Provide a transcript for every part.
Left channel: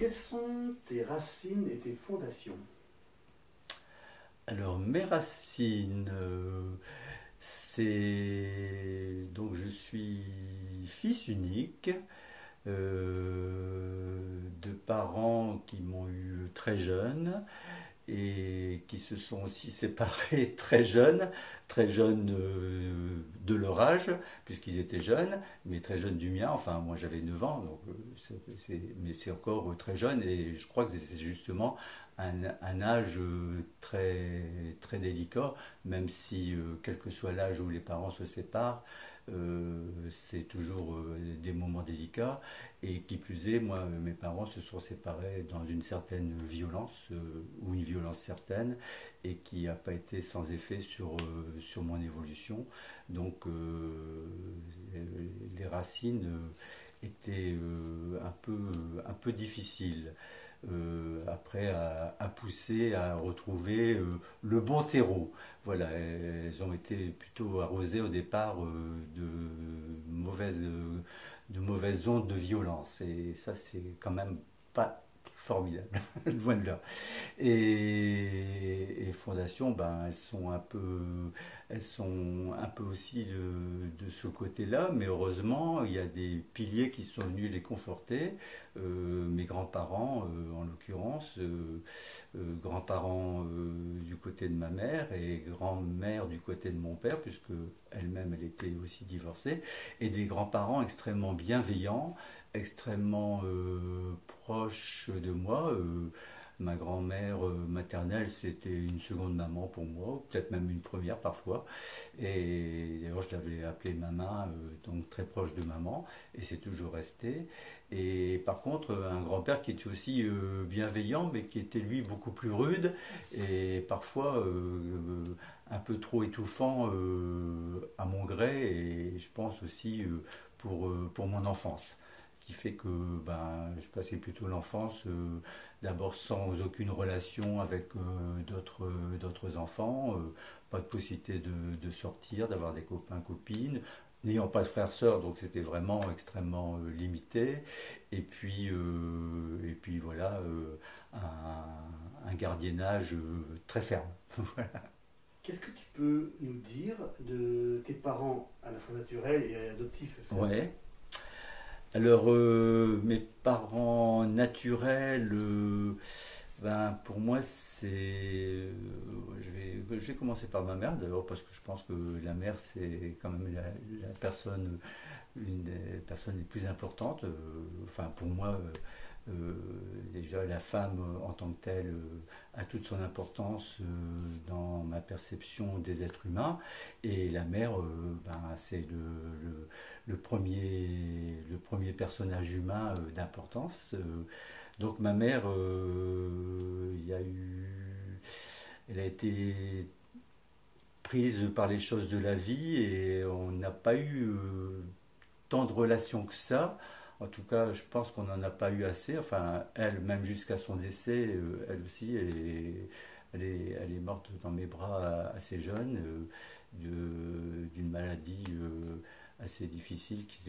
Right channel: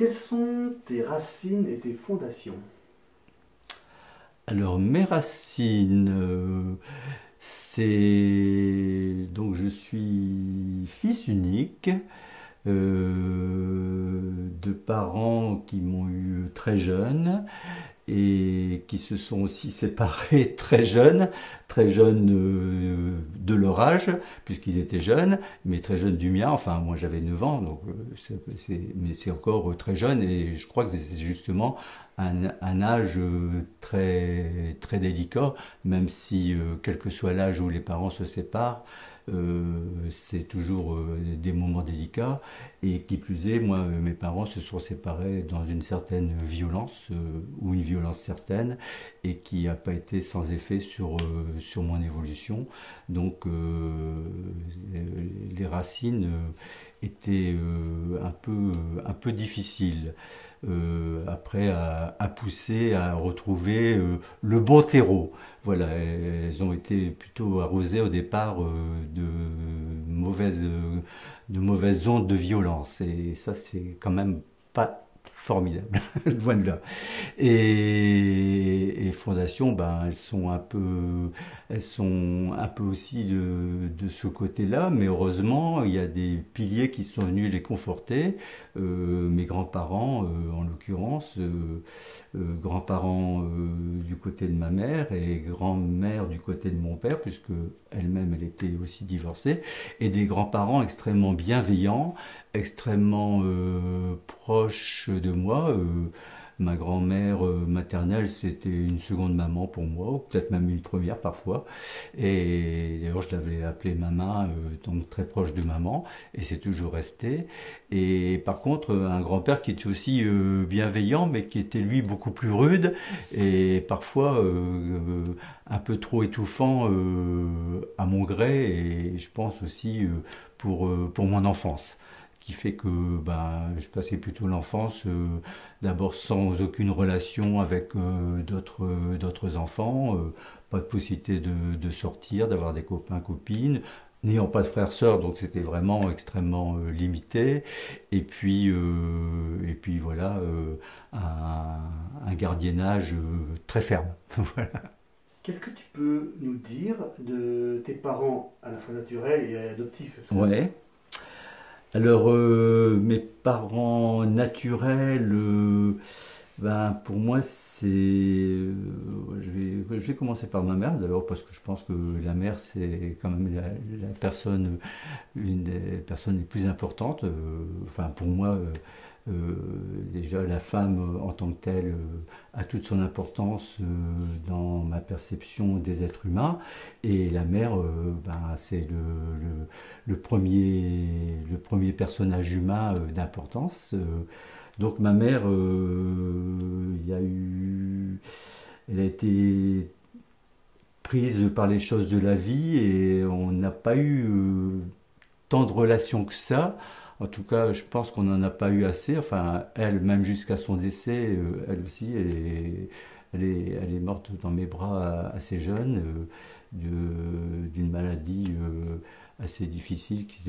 Quelles sont tes racines et tes fondations? Alors, mes racines, c'est... Donc, je suis fils unique de parents qui m'ont eu très jeune et qui se sont aussi séparés très jeunes de leur âge, puisqu'ils étaient jeunes, mais très jeunes du mien. Enfin, moi j'avais 9 ans, donc mais c'est encore très jeune, et je crois que c'est justement un âge très délicat, même si, quel que soit l'âge où les parents se séparent, c'est toujours des moments délicats. Et qui plus est, moi, mes parents se sont séparés dans une certaine violence, ou une violence certaine, et qui n'a pas été sans effet sur mon évolution. Donc, les racines étaient un peu difficiles. Après, à pousser, à retrouver le bon terreau. Voilà, elles ont été plutôt arrosées au départ de mauvaises ondes de violence. Et ça, c'est quand même pas formidable, loin de là. Et fondations, ben, elles sont un peu aussi de ce côté-là, mais heureusement, il y a des piliers qui sont venus les conforter. Mes grands-parents, en l'occurrence, grands-parents du côté de ma mère et grand-mère du côté de mon père, puisque elle-même elle était aussi divorcée, et des grands-parents extrêmement bienveillants, extrêmement proches de moi. Ma grand-mère maternelle, c'était une seconde maman pour moi, ou peut-être même une première parfois. Et d'ailleurs, je l'avais appelée maman, donc très proche de maman, et c'est toujours resté. Et par contre, un grand-père qui était aussi bienveillant, mais qui était lui beaucoup plus rude, et parfois un peu trop étouffant à mon gré, et je pense aussi pour mon enfance, qui fait que ben, je passais plutôt l'enfance d'abord sans aucune relation avec d'autres enfants, pas de possibilité de sortir, d'avoir des copains, copines, n'ayant pas de frères sœurs, donc c'était vraiment extrêmement limité. Et puis voilà, un gardiennage très ferme. Voilà. Qu'est-ce que tu peux nous dire de tes parents à la fois naturels et adoptifs? Ouais. Alors, mes parents naturels, ben, pour moi, c'est. Je vais commencer par ma mère, d'abord, parce que je pense que la mère, c'est quand même la personne, une des personnes les plus importantes. Enfin, pour moi, euh, déjà, la femme en tant que telle a toute son importance dans ma perception des êtres humains. Et la mère, ben, c'est le premier personnage humain d'importance. Donc ma mère, elle a été prise par les choses de la vie et on n'a pas eu tant de relations que ça. En tout cas, je pense qu'on n'en a pas eu assez. Enfin, elle, même jusqu'à son décès, elle aussi, elle est morte dans mes bras assez jeune, d'une maladie assez difficile qui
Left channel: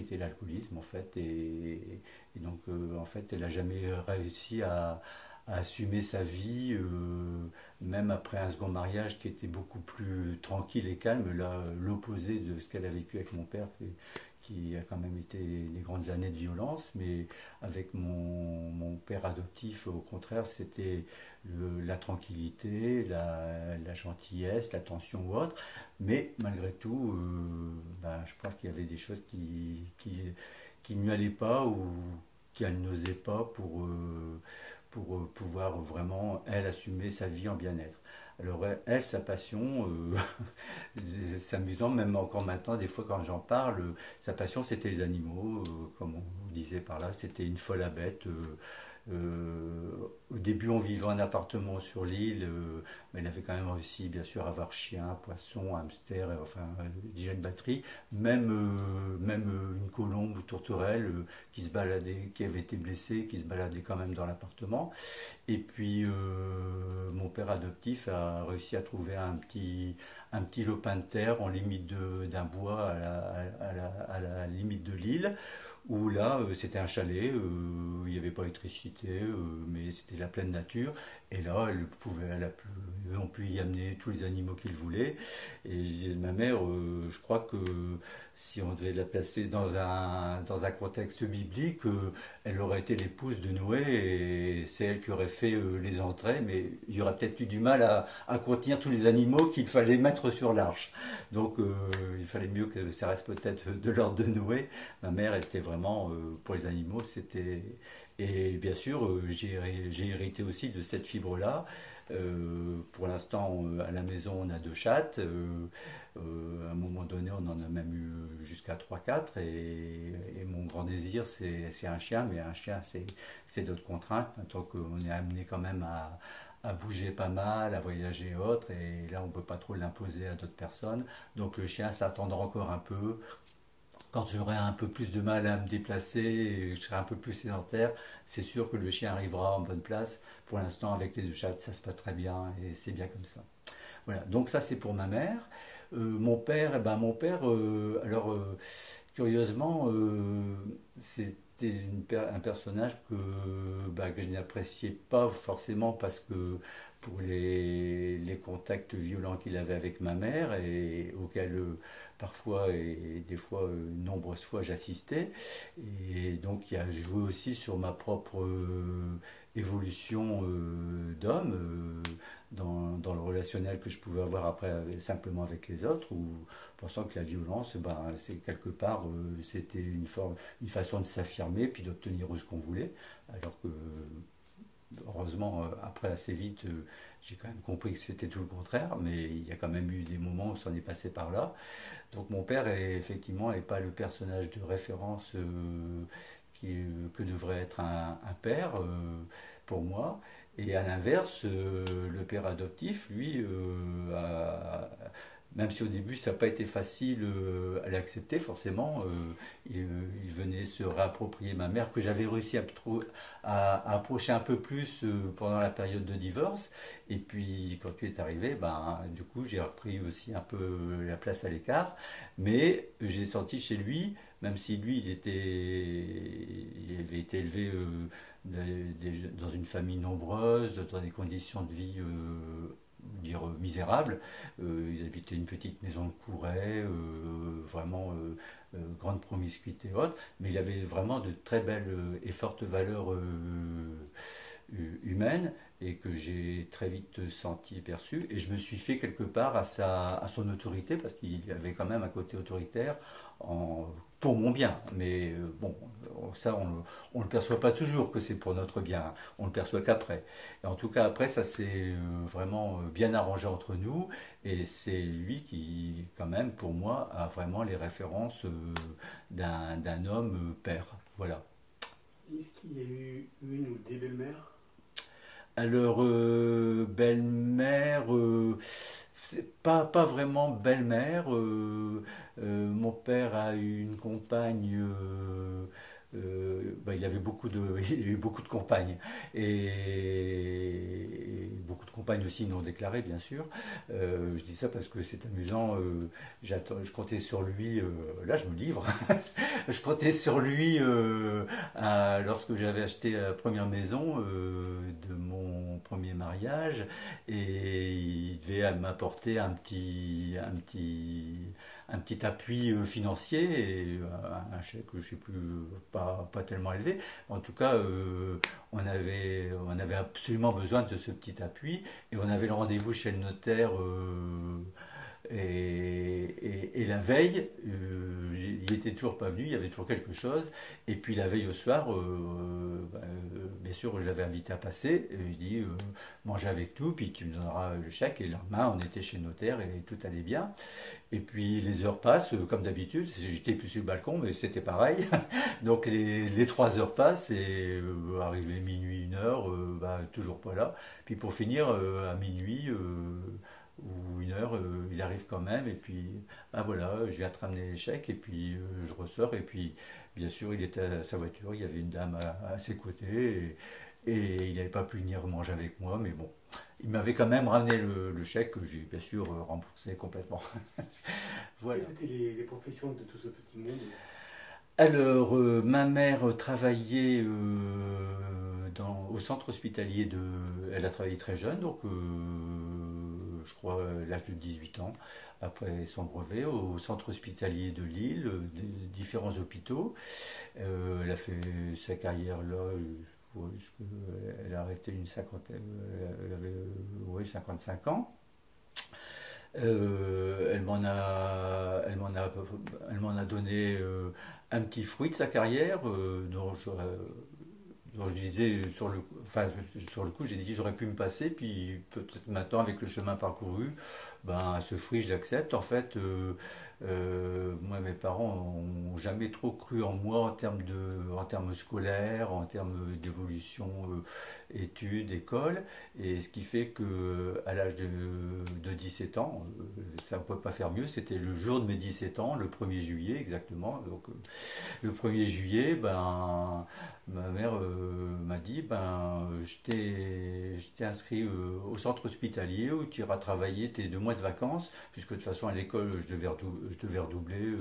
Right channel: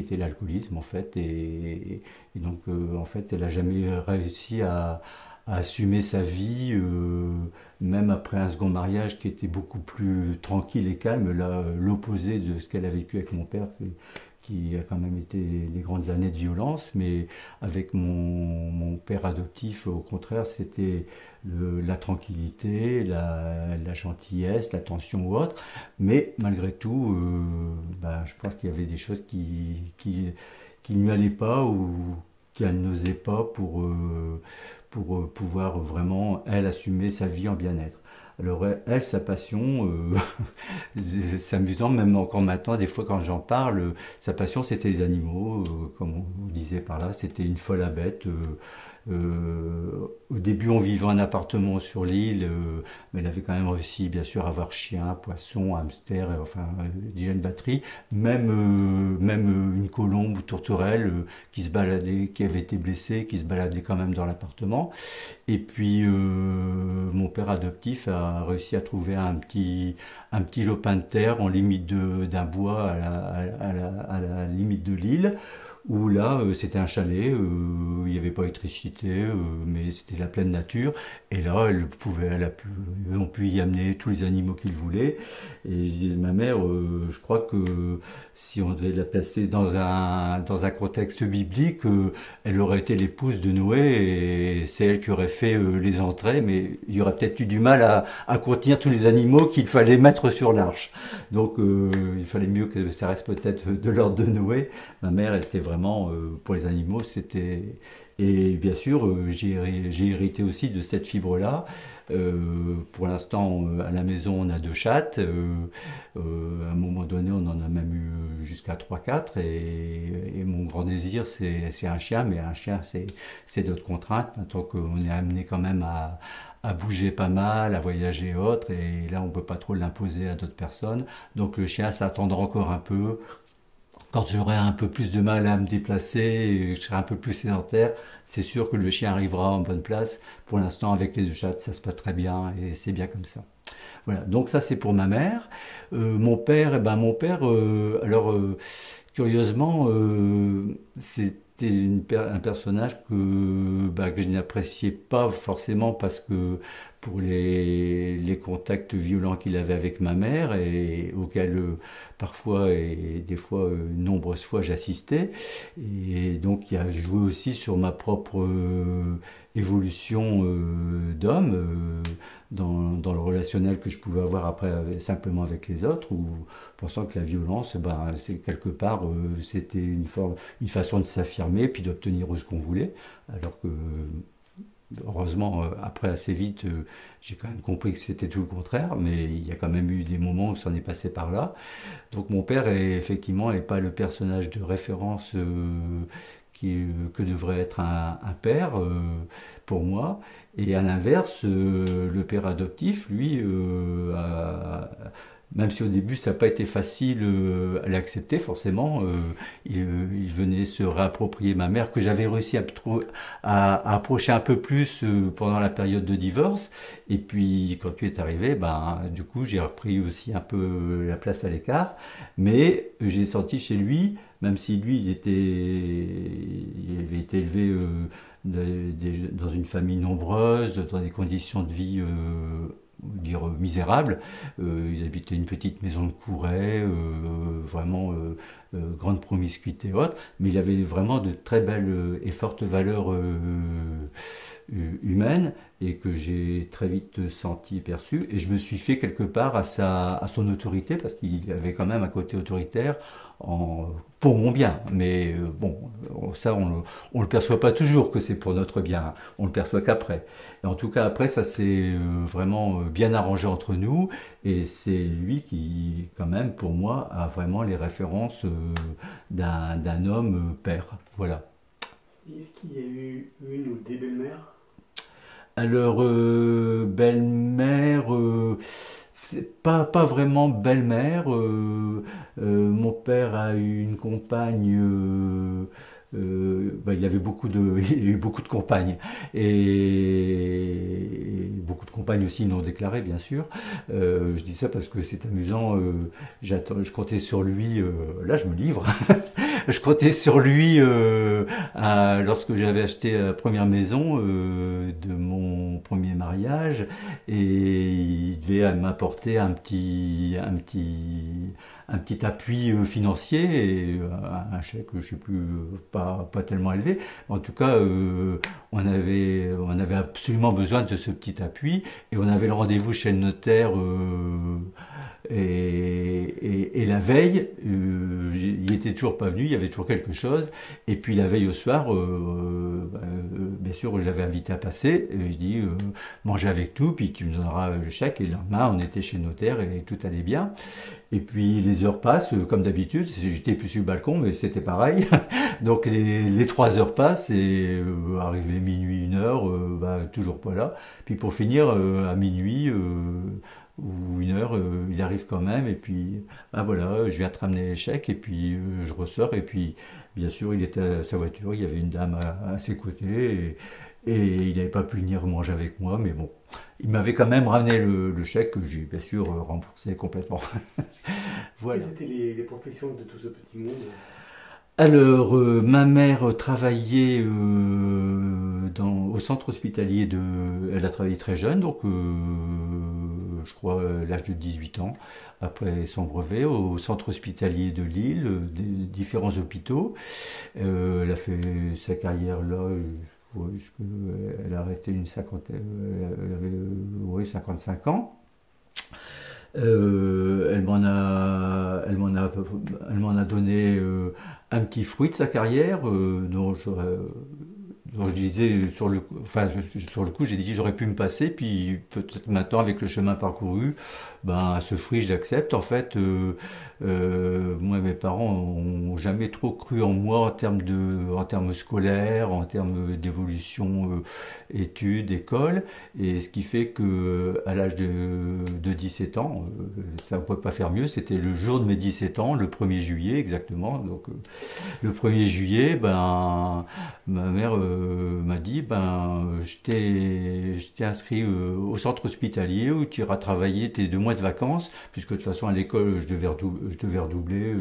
était l'alcoolisme en fait. Et donc, en fait, elle n'a jamais réussi à assumer sa vie, même après un second mariage qui était beaucoup plus tranquille et calme, là, l'opposé de ce qu'elle a vécu avec mon père, qui a quand même été des grandes années de violence, mais avec mon père adoptif, au contraire, c'était la tranquillité, la gentillesse, l'attention ou autre, mais malgré tout, ben, je pense qu'il y avait des choses qui ne lui allaient pas ou qu'elle n'osait pas pour pouvoir vraiment, elle, assumer sa vie en bien-être. Alors elle, sa passion, c'est amusant, même encore maintenant, des fois quand j'en parle, sa passion c'était les animaux, comme on disait par là, c'était une folle à bête. Au début, on vivait en appartement sur l'île, mais elle avait quand même réussi, bien sûr, à avoir chien, poisson, hamster, enfin, déjà une batterie, même une colombe ou tourterelle qui se baladait, qui avait été blessée, qui se baladait quand même dans l'appartement. Et puis, mon père adoptif a réussi à trouver un petit lopin de terre en limite d'un bois à la limite de l'île où là c'était un chalet, il n'y avait pas d'électricité, mais c'était la pleine nature. Et là, on pu y amener tous les animaux qu'ils voulaient. Et je disais, ma mère, je crois que si on devait la placer dans un contexte biblique, elle aurait été l'épouse de Noé et c'est elle qui aurait fait les entrées, mais il y aurait peut-être eu du mal à contenir tous les animaux qu'il fallait mettre sur l'arche. Donc il fallait mieux que ça reste peut-être de l'ordre de Noé. Ma mère était vraiment, pour les animaux, c'était... Et bien sûr, j'ai hérité aussi de cette fibre-là. Pour l'instant, à la maison, on a 2 chattes. À un moment donné, on en a même eu jusqu'à 3-4. Et mon grand désir, c'est un chien. Mais un chien, c'est d'autres contraintes. Tant qu'on est amené quand même à bouger pas mal, à voyager et autres. Et là, on ne peut pas trop l'imposer à d'autres personnes. Donc le chien, ça attendra encore un peu. Quand j'aurai un peu plus de mal à me déplacer et je serai un peu plus sédentaire, c'est sûr que le chien arrivera en bonne place. Pour l'instant, avec les 2 chattes, ça se passe très bien et c'est bien comme ça. Voilà, donc ça c'est pour ma mère. Mon père, alors curieusement, c'était un personnage que je n'appréciais pas forcément parce que pour les contacts violents qu'il avait avec ma mère et auxquels parfois et des fois nombreuses fois j'assistais. Et donc il a joué aussi sur ma propre évolution d'homme dans le relationnel que je pouvais avoir après simplement avec les autres, ou pensant que la violence, c'est quelque part, c'était une façon de s'affirmer puis d'obtenir ce qu'on voulait, alors que heureusement après assez vite j'ai quand même compris que c'était tout le contraire, mais il y a quand même eu des moments où ça en est passé par là. Donc mon père effectivement n'est pas le personnage de référence que devrait être un père pour moi. Et à l'inverse, le père adoptif, lui, même si au début ça n'a pas été facile à l'accepter forcément, il venait se réapproprier ma mère, que j'avais réussi à approcher un peu plus pendant la période de divorce. Et puis quand tu es arrivé, du coup j'ai repris aussi un peu la place à l'écart. Mais j'ai senti chez lui, même si lui il avait été élevé dans une famille nombreuse, dans des conditions de vie dire misérables. Ils habitaient une petite maison de Couret, vraiment grande promiscuité et autres, mais il avait vraiment de très belles et fortes valeurs humaines et que j'ai très vite senti et perçu, et je me suis fait quelque part à son autorité, parce qu'il avait quand même un côté autoritaire pour mon bien, mais bon, ça on le perçoit pas toujours que c'est pour notre bien, on le perçoit qu'après. Et en tout cas après ça s'est vraiment bien arrangé entre nous, et c'est lui qui quand même pour moi a vraiment les références d'un homme père, voilà. Est-ce qu'il y a eu une ou des belles-mères? Alors belle-mère, pas vraiment belle-mère. Mon père a eu une compagne. Il avait il a eu beaucoup de compagnes, et beaucoup de compagnes aussi non déclarées bien sûr. Je dis ça parce que c'est amusant. Je comptais sur lui. Là, je me livre. Je comptais sur lui lorsque j'avais acheté la première maison de mon premier mariage, et il devait m'apporter un petit appui financier, et un chèque, je ne sais plus, pas tellement élevé. En tout cas, on avait absolument besoin de ce petit appui, et on avait le rendez-vous chez le notaire. Et la veille, il n'était toujours pas venu, il y avait toujours quelque chose. Et puis la veille au soir, bien sûr, je l'avais invité à passer. Il dit manger avec nous, puis tu me donneras le chèque. Et le lendemain, on était chez le notaire et tout allait bien. Et puis les heures passent, comme d'habitude. J'étais plus sur le balcon, mais c'était pareil. Donc les 3 heures passent, et arrivé minuit, 1 heure, toujours pas là. Puis pour finir, à minuit ou 1 heure, il arrive quand même, et puis voilà, je viens te ramener les chèques, et puis je ressors, et puis bien sûr il était à sa voiture, il y avait une dame à ses côtés, et il n'avait pas pu venir manger avec moi, mais bon, il m'avait quand même ramené le chèque, que j'ai bien sûr remboursé complètement. Voilà. Quelles étaient les professions de tout ce petit monde? Alors, ma mère travaillait centre hospitalier de... Elle a travaillé très jeune, donc je crois à l'âge de 18 ans, après son brevet, au centre hospitalier de Lille, différents hôpitaux. Elle a fait sa carrière là, ouais, elle a arrêté une cinquantaine, elle avait ouais, 55 ans. Elle m'en a donné un petit fruit de sa carrière dont je disais sur le coup, j'ai dit j'aurais pu me passer, puis peut-être maintenant avec le chemin parcouru, ben ce fruit je l'accepte. En fait, moi mes parents ont jamais trop cru en moi en termes scolaires, en termes d'évolution, études, école, et ce qui fait que à l'âge de 17 ans, ça ne pouvait pas faire mieux. C'était le jour de mes 17 ans, le 1er juillet exactement. Donc le 1er juillet, ben ma mère m'a dit je t'ai inscrit au centre hospitalier où tu iras travailler tes 2 mois de vacances, puisque de toute façon à l'école je devais redoubler,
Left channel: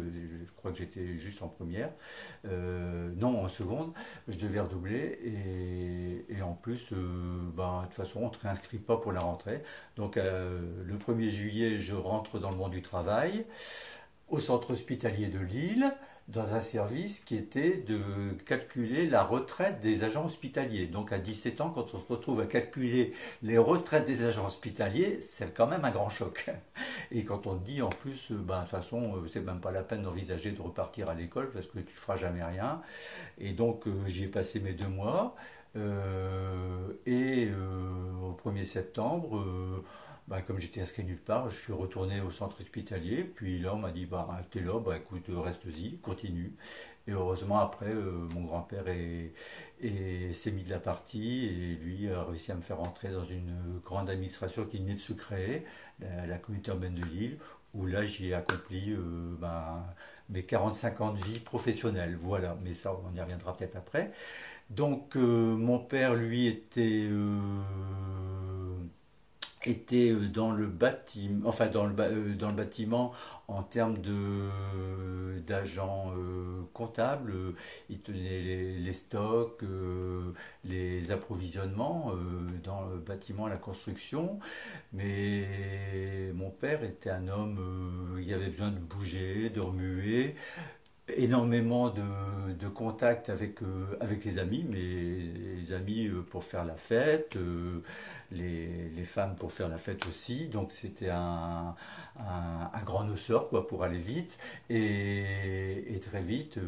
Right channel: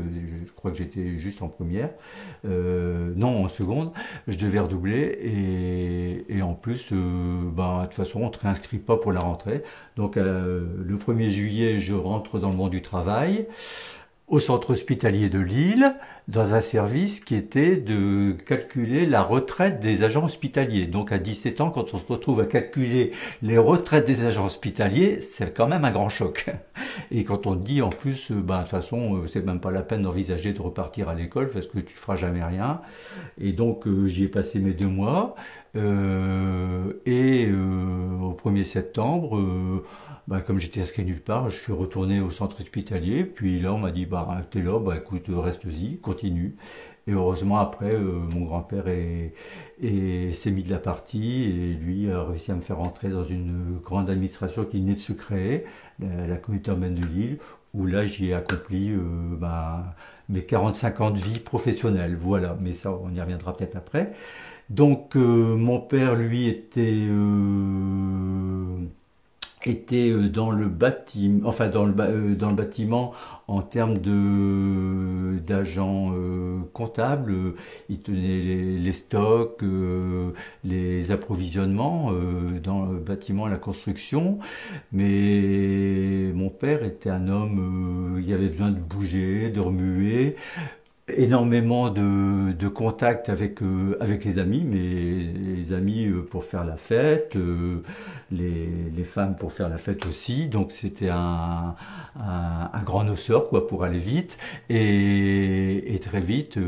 je crois que j'étais juste en première, non en seconde, je devais redoubler, et en plus de toute façon on te réinscrit pas pour la rentrée. Donc le 1er juillet je rentre dans le monde du travail au centre hospitalier de Lille, dans un service qui était de calculer la retraite des agents hospitaliers. Donc à 17 ans, quand on se retrouve à calculer les retraites des agents hospitaliers, c'est quand même un grand choc. Et quand on te dit en plus, de toute façon, c'est même pas la peine d'envisager de repartir à l'école parce que tu feras jamais rien. Et donc j'y ai passé mes 2 mois. Au 1er septembre, comme j'étais inscrit nulle part, je suis retourné au centre hospitalier. Puis là, on m'a dit, t'es là, écoute, reste-y, continue. Et heureusement, après, mon grand-père s'est mis de la partie, et lui a réussi à me faire rentrer dans une grande administration qui venait de se créer, la communauté urbaine de Lille, où là, j'y ai accompli mes 45 ans de vie professionnelle. Voilà, mais ça, on y reviendra peut-être après. Donc, mon père, lui, était dans le bâtiment, dans le bâtiment en termes d'agents comptables. Il tenait les stocks, les approvisionnements dans le bâtiment, la construction. Mais mon père était un homme, il avait besoin de bouger, de remuer, énormément de contacts avec les amis, mais les amis pour faire la fête, les femmes pour faire la fête aussi. Donc c'était un grand noceur quoi, pour aller vite, et très vite,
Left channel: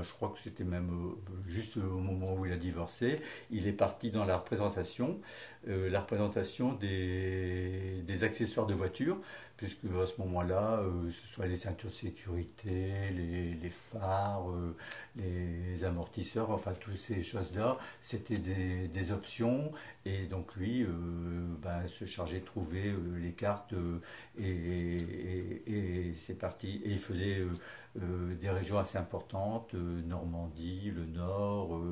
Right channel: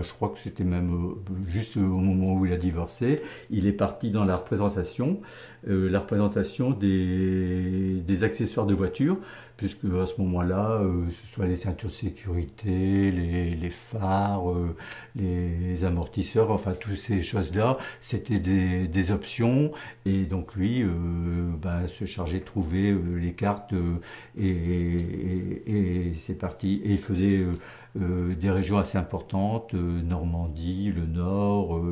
je crois que c'était même juste au moment où il a divorcé, il est parti dans la représentation des accessoires de voiture, puisque à ce moment-là, ce soit les ceintures de sécurité, les phares, les amortisseurs, enfin toutes ces choses-là, c'était des options. Et donc lui se chargeait de trouver les cartes, et c'est parti. Et il faisait des régions assez importantes, Normandie, le Nord,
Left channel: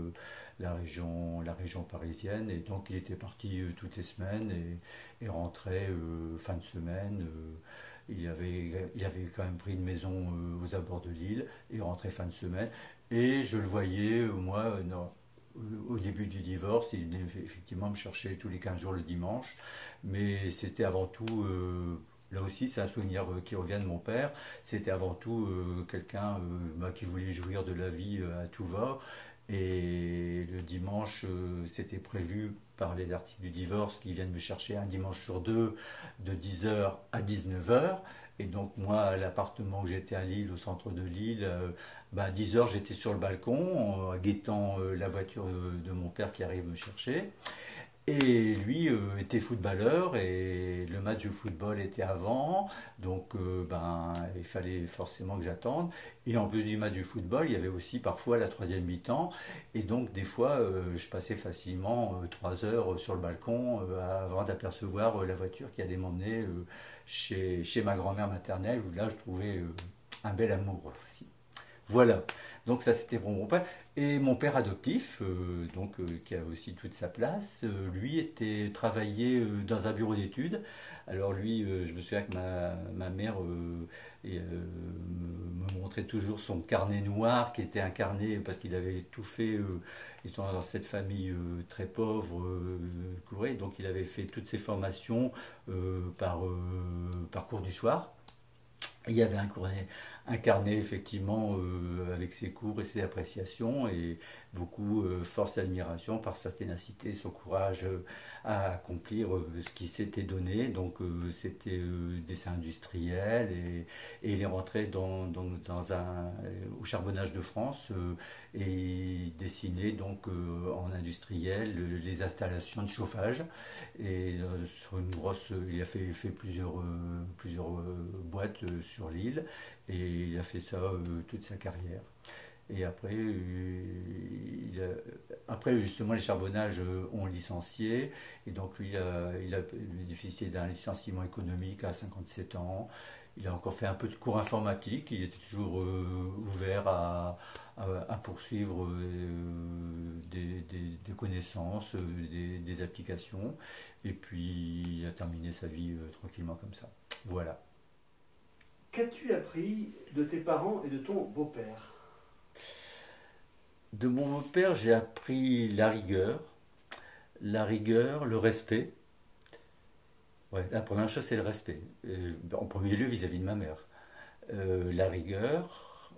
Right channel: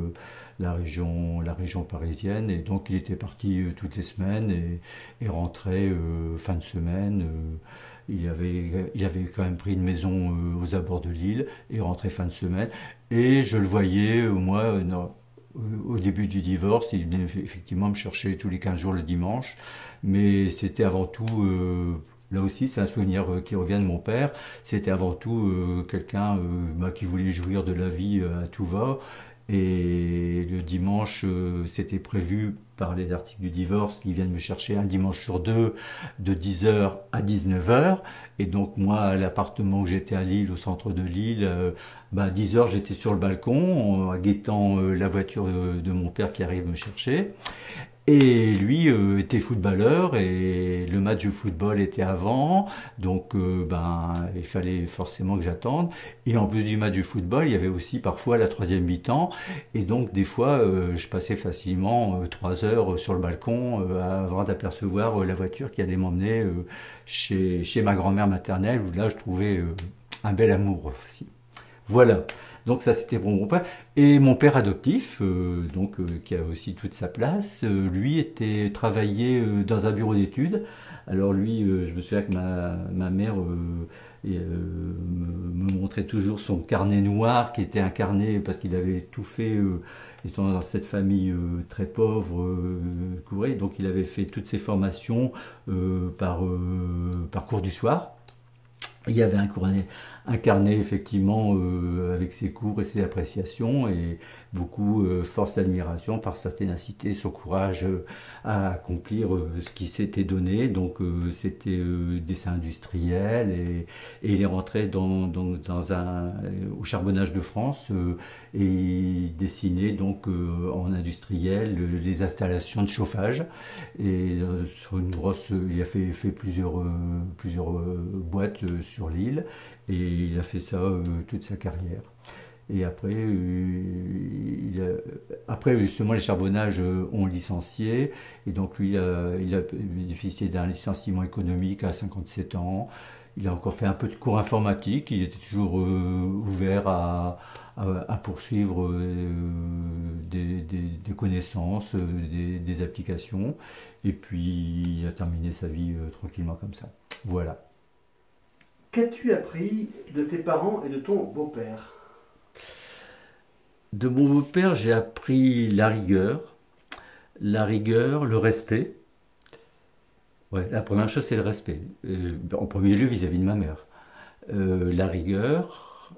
la région parisienne, et donc il était parti toutes les semaines, et rentrait fin de semaine. Il avait quand même pris une maison aux abords de Lille, et rentrait fin de semaine. Et je le voyais, moi, au début du divorce, il venait effectivement me chercher tous les 15 jours le dimanche, mais c'était avant tout, là aussi c'est un souvenir qui revient de mon père, c'était avant tout quelqu'un qui voulait jouir de la vie à tout va. Et le dimanche, c'était prévu par les articles du divorce qu'ils viennent me chercher un dimanche sur 2, de 10h à 19h. Et donc moi, à l'appartement où j'étais à Lille, au centre de Lille, à 10h j'étais sur le balcon, guettant la voiture de mon père qui arrive me chercher. Et lui était footballeur, et le match de football était avant, donc il fallait forcément que j'attende. Et en plus du match de football, il y avait aussi parfois la 3e mi-temps, et donc des fois je passais facilement 3 heures sur le balcon avant d'apercevoir la voiture qui allait m'emmener chez ma grand-mère maternelle, où là je trouvais un bel amour aussi. Voilà. Donc ça c'était pour mon père. Et mon père adoptif, qui a aussi toute sa place, lui travaillait dans un bureau d'études. Alors lui, je me souviens que ma mère me montrait toujours son carnet noir, qui était un carnet parce qu'il avait tout fait étant dans cette famille très pauvre, courée, donc il avait fait toutes ses formations par cours du soir. Il y avait un carnet effectivement avec ses cours et ses appréciations et beaucoup force d'admiration par sa ténacité, son courage à accomplir ce qui s'était donné. Donc c'était dessin industriel et il est rentré au charbonnage de France et il dessinait donc en industriel les installations de chauffage et sur une grosse, il a fait plusieurs boîtes sur l'île et il a fait ça toute sa carrière. Et après justement les charbonnages ont licencié et donc lui il a bénéficié d'un licenciement économique à 57 ans. Il a encore fait un peu de cours informatique, il était toujours ouvert à poursuivre des connaissances, des applications, et puis il a terminé sa vie tranquillement comme ça. Voilà. Qu'as-tu appris de tes parents et de ton beau-père? De mon beau-père, j'ai appris la rigueur, le respect. Ouais, la première chose, c'est le respect. En premier lieu, vis-à-vis de ma mère. La rigueur,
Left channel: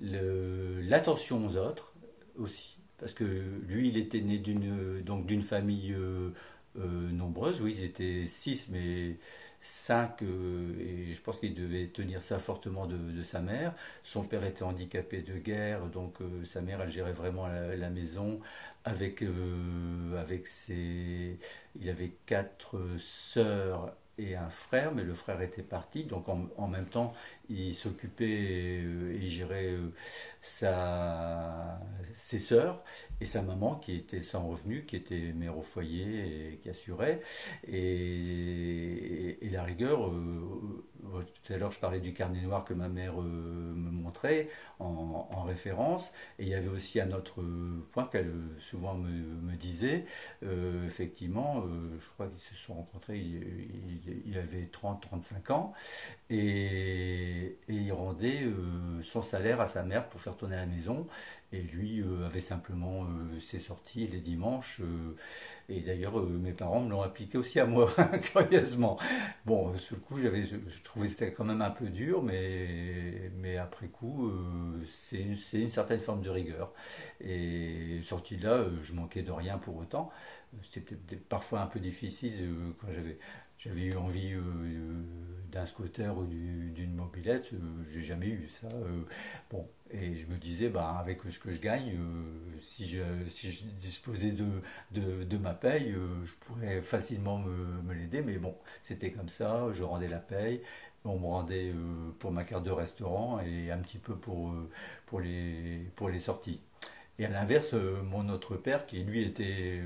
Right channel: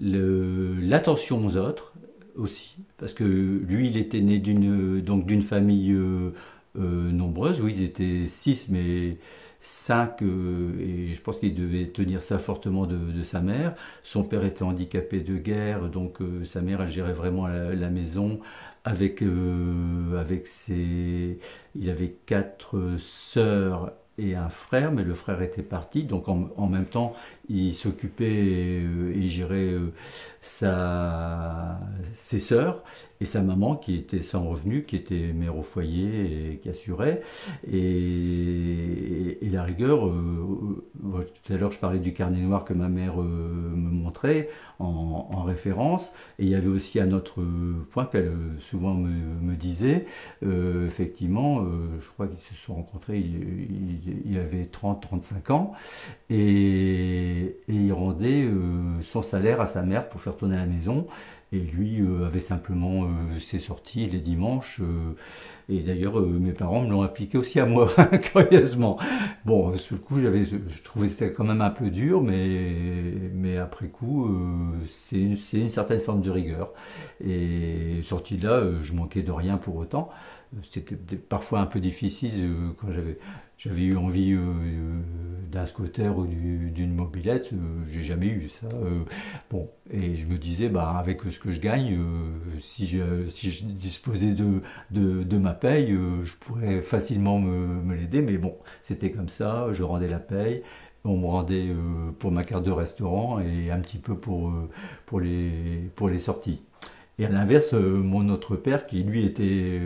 l'attention aux autres aussi, parce que lui, il était né d'une famille nombreuse. Oui, ils étaient 6, mais 5, et je pense qu'il devait tenir ça fortement de sa mère. Son père était handicapé de guerre, donc sa mère, elle gérait vraiment la maison avec ses... Il avait 4 sœurs et un frère, mais le frère était parti, donc en même temps, il s'occupait et il gérait ses sœurs et sa maman qui était sans revenu, qui était mère au foyer et qui assurait. Et la rigueur, tout à l'heure je parlais du carnet noir que ma mère me montrait en référence, et il y avait aussi un autre point qu'elle souvent me disait, effectivement, je crois qu'ils se sont rencontrés, il avait 30-35 ans, et il rendait son salaire à sa mère pour faire tourner la maison. Et lui avait simplement ses sorties les dimanches. Et d'ailleurs, mes parents me l'ont appliqué aussi à moi, curieusement. Bon, sur le coup, je trouvais que c'était quand même un peu dur, mais après coup, c'est une certaine forme de rigueur. Et sorti de là, je manquais de rien pour autant. C'était parfois un peu difficile quand j'avais eu envie d'un scooter ou d'une mobilette, j'ai jamais eu ça. Bon, et je me disais, bah, avec ce que je gagne, si je disposais de ma paye, je pourrais facilement me l'aider. Mais bon, c'était comme ça, je rendais la paye. On me rendait pour ma carte de restaurant et un petit peu pour les sorties. Et à l'inverse, mon autre père, qui lui était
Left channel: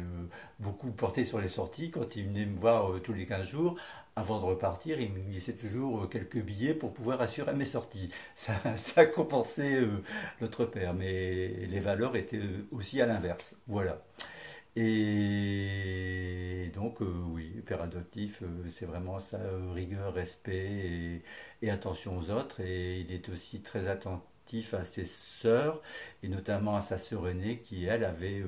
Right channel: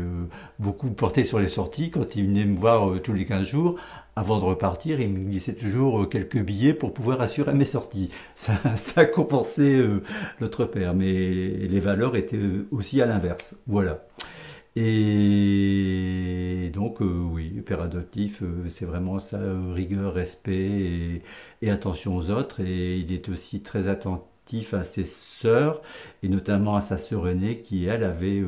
beaucoup porté sur les sorties, quand il venait me voir tous les 15 jours, avant de repartir, il me glissait toujours quelques billets pour pouvoir assurer mes sorties. Ça compensait l'autre père, mais les valeurs étaient aussi à l'inverse. Voilà. Et donc, oui, père adoptif, c'est vraiment ça, rigueur, respect et attention aux autres. Et il est aussi très attentif à ses sœurs, et notamment à sa sœur aînée qui, elle, avait,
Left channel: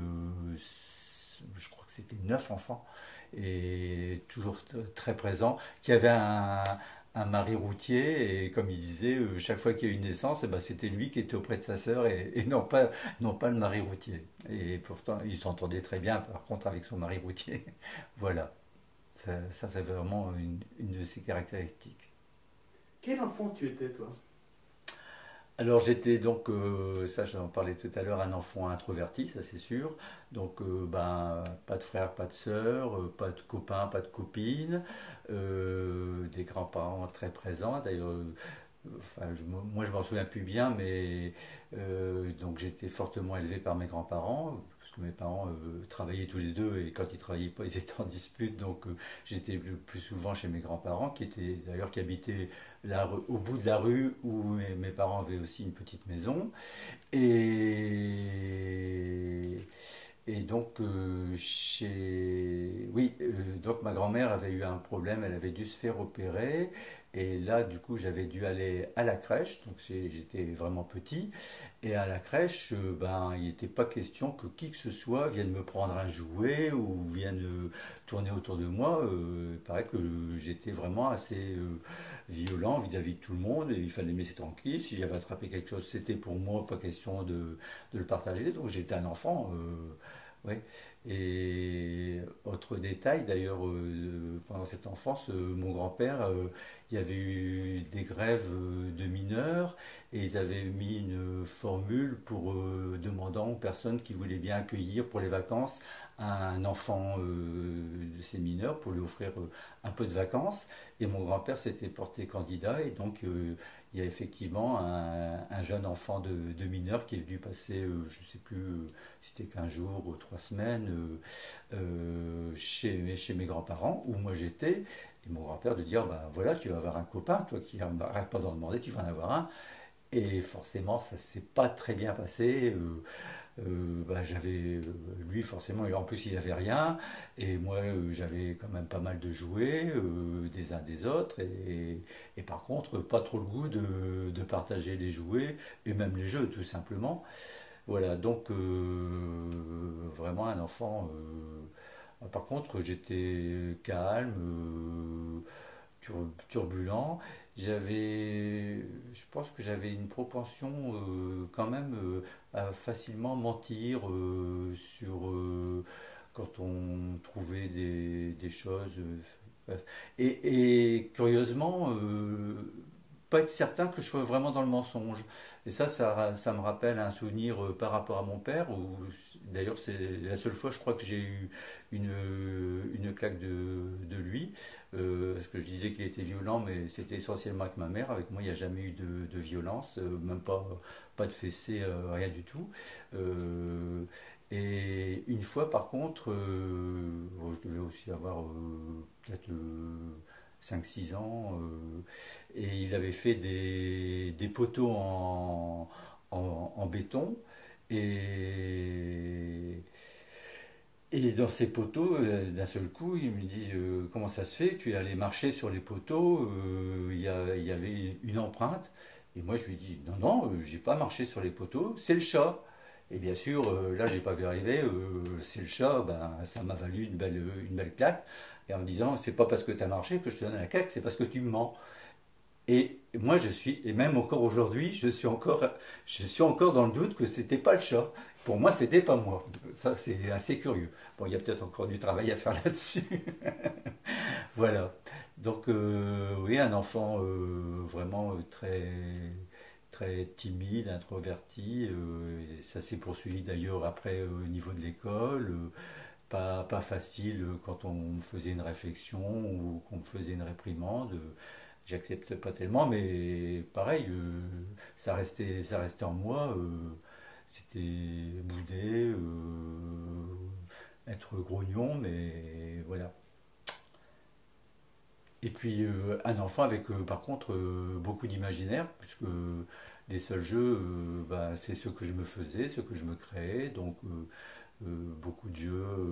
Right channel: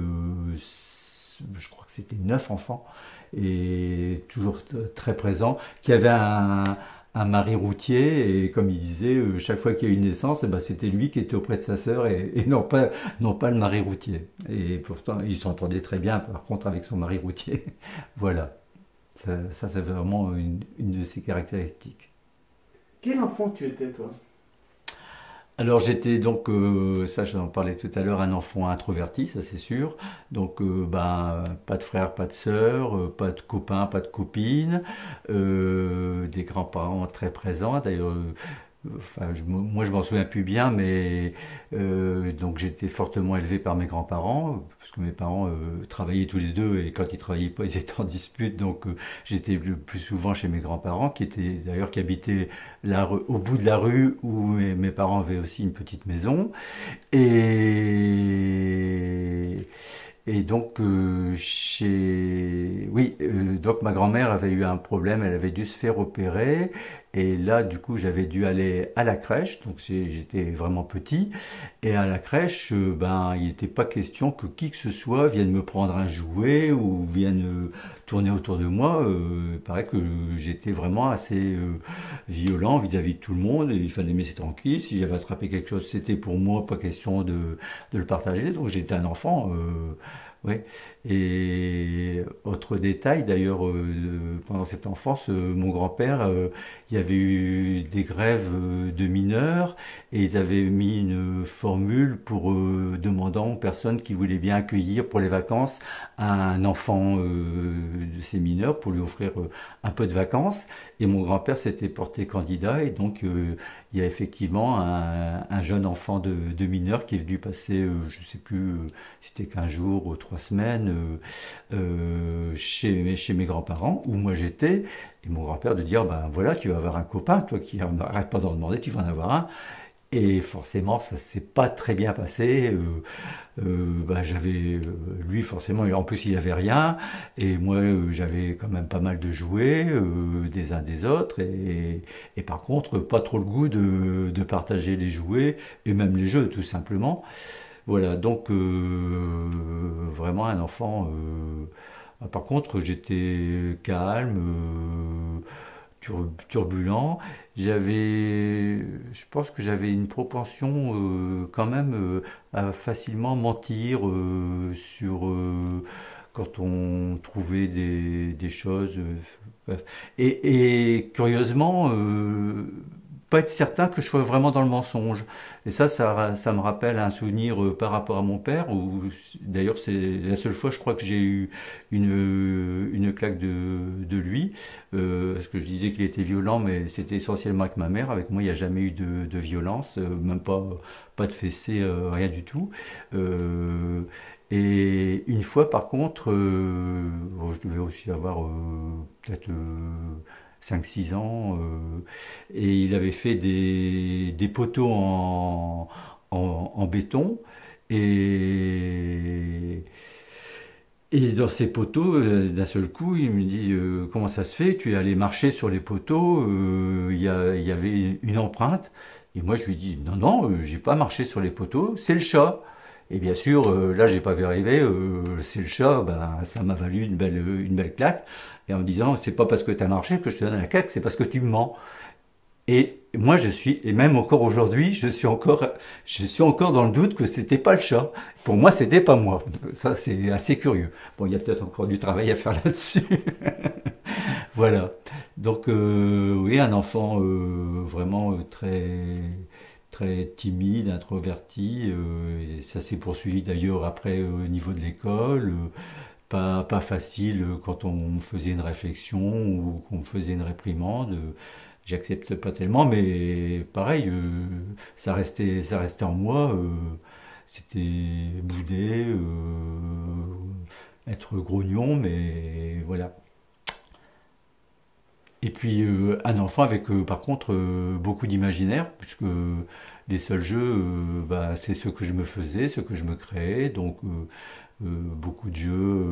je crois que c'était 9 enfants, et toujours très présent, qui avait un mari routier, et comme il disait, chaque fois qu'il y a eu une naissance, eh ben, c'était lui qui était auprès de sa sœur et non pas le mari routier. Et pourtant, il s'entendait très bien, par contre, avec son mari routier. Voilà. Ça c'est vraiment une de ses caractéristiques. Quel enfant tu étais, toi? Alors j'étais donc, ça j'en parlais tout à l'heure, un enfant introverti, ça c'est sûr. Donc ben, pas de frères, pas de sœurs, pas de copains, pas de copines, des grands-parents très présents. D'ailleurs, enfin, moi je m'en souviens plus bien, mais donc j'étais fortement élevé par mes grands-parents, parce que mes parents travaillaient tous les deux, et quand ils travaillaient pas, ils étaient en dispute, donc j'étais le plus souvent chez mes grands-parents, qui habitaient au bout de la rue où mes parents avaient aussi une petite maison. Et et donc, oui, donc ma grand-mère avait eu un problème, elle avait dû se faire opérer, Et là, du coup, j'avais dû aller à la crèche, donc j'étais vraiment petit. Et à la crèche, ben, il n'était pas question que qui que ce soit vienne me prendre un jouet ou vienne tourner autour de moi. Il paraît que j'étais vraiment assez violent vis-à-vis de tout le monde. Et il fallait me laisser tranquille. Si j'avais attrapé quelque chose, c'était pour moi, pas question de le partager. Donc j'étais un enfant. Ouais. Et autre détail, d'ailleurs, pendant cette enfance, mon grand-père, il y avait eu des grèves de mineurs et ils avaient mis une formule pour demandant aux personnes qui voulaient bien accueillir pour les vacances un enfant de ces mineurs pour lui offrir un peu de vacances. Et mon grand-père s'était porté candidat et donc il y a effectivement un jeune enfant de mineur qui est venu passer, je ne sais plus, c'était 15 jours ou 3 semaines chez mes grands-parents, où moi j'étais, et mon grand-père de dire, ben voilà, tu vas avoir un copain, toi qui n'arrêtes pas d'en demander, tu vas en avoir un. Et forcément, ça s'est pas très bien passé. Ben, lui forcément, en plus il avait rien, et moi j'avais quand même pas mal de jouets des uns des autres, et par contre pas trop le goût de partager les jouets et même les jeux tout simplement. Voilà, donc vraiment un enfant. Par contre, j'étais calme, turbulent. Je pense que j'avais une propension quand même à facilement mentir quand on trouvait des choses. Bref. Et curieusement, pas être certain que je sois vraiment dans le mensonge. Et ça me rappelle un souvenir par rapport à mon père, où d'ailleurs c'est la seule fois je crois que j'ai eu une claque de lui, parce que je disais qu'il était violent, mais c'était essentiellement avec ma mère. Avec moi il n'y a jamais eu de violence, même pas de fessée, rien du tout. Euh, et une fois par contre, bon, je devais aussi avoir peut-être 5-6 ans, et il avait fait des poteaux en béton, et, et dans ces poteaux, d'un seul coup, il me dit comment ça se fait? Tu es allé marcher sur les poteaux, il y avait une empreinte. Et moi, je lui dis non, non, j'ai pas marché sur les poteaux, c'est le chat. Et bien sûr, là, j'ai pas vu arriver, c'est le chat, ben, ça m'a valu une belle claque. Et en me disant, c'est pas parce que tu as marché que je te donne la claque, c'est parce que tu me mens. Et moi, et même encore aujourd'hui, je suis encore dans le doute que c'était pas le chat. Pour moi, c'était pas moi. Ça, c'est assez curieux. Bon, il y a peut-être encore du travail à faire là-dessus. Voilà. Donc, oui, un enfant vraiment très timide, introverti. Et ça s'est poursuivi d'ailleurs après au niveau de l'école. Pas facile quand on faisait une réflexion ou qu'on faisait une réprimande. J'accepte pas tellement, mais pareil, ça restait en moi. C'était bouder, être grognon, mais voilà. Et puis un enfant avec par contre beaucoup d'imaginaire, puisque les seuls jeux, bah, c'est ce que je me faisais, ce que je me créais, donc beaucoup de jeux,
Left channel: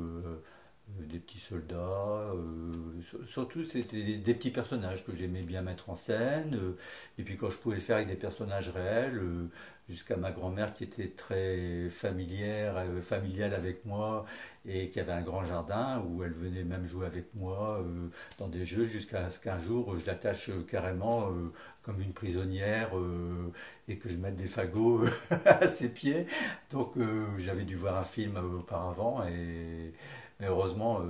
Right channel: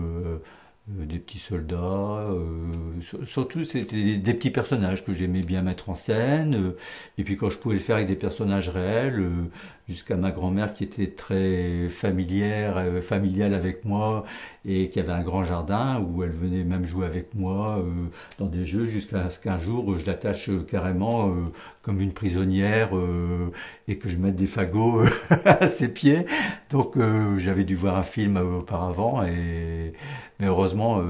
des petits soldats, surtout c'était des petits personnages que j'aimais bien mettre en scène, et puis quand je pouvais le faire avec des personnages réels, jusqu'à ma grand-mère qui était très familiale avec moi, et qui avait un grand jardin où elle venait même jouer avec moi dans des jeux, jusqu'à ce qu'un jour je l'attache carrément comme une prisonnière, et que je mette des fagots à ses pieds. Donc j'avais dû voir un film auparavant, mais heureusement,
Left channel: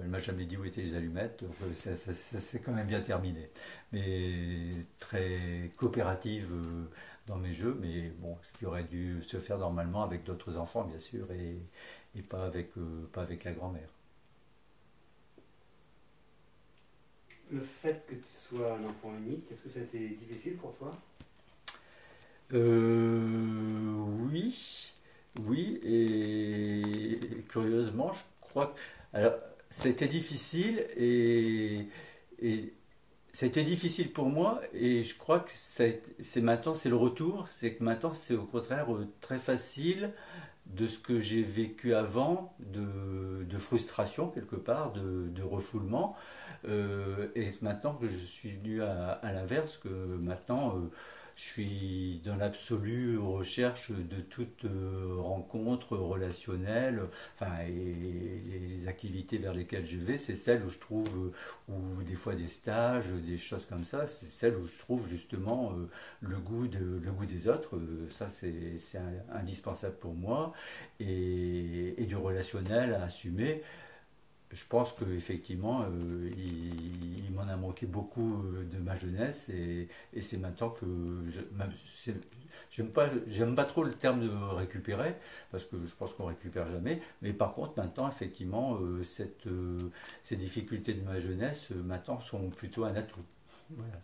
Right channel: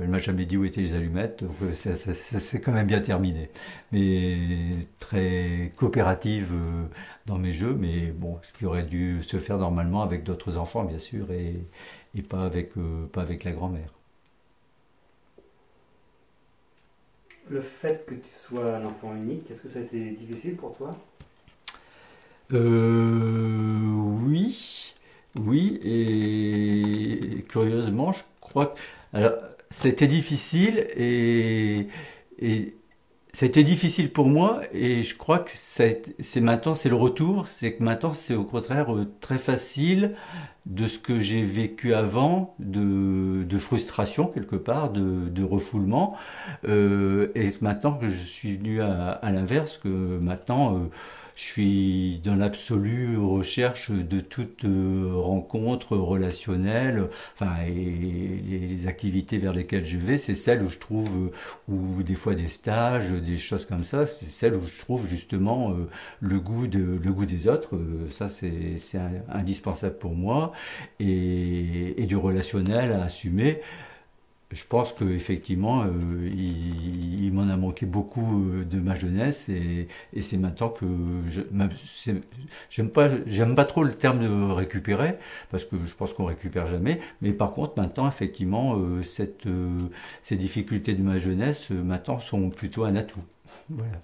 elle m'a jamais dit où étaient les allumettes, donc ça s'est quand même bien terminé. Mais très coopérative dans mes jeux, mais bon, ce qui aurait dû se faire normalement avec d'autres enfants, bien sûr, et pas avec la grand-mère. Le fait que tu sois un enfant unique, est-ce que ça a été difficile pour toi? Oui, oui, et curieusement, je crois que alors, c'était difficile et C'était difficile pour moi et je crois que c'est maintenant, c'est le retour, c'est que maintenant c'est au contraire très facile de ce que j'ai vécu avant, de frustration quelque part, de refoulement, et maintenant que je suis venu à l'inverse, que maintenant je suis dans l'absolue recherche de toute rencontre relationnelle, enfin, et les activités vers lesquelles je vais, c'est celles où je trouve, ou des fois des stages, des choses comme ça, c'est celles où je trouve justement le goût des autres. Ça, c'est indispensable pour moi et du relationnel à assumer. Je pense qu'effectivement, il m'en a manqué beaucoup de ma jeunesse et c'est maintenant que j'aime pas trop le terme de récupérer parce que je pense qu'on récupère jamais. Mais par contre, maintenant, effectivement, ces difficultés de ma jeunesse, maintenant, sont plutôt un atout. Voilà.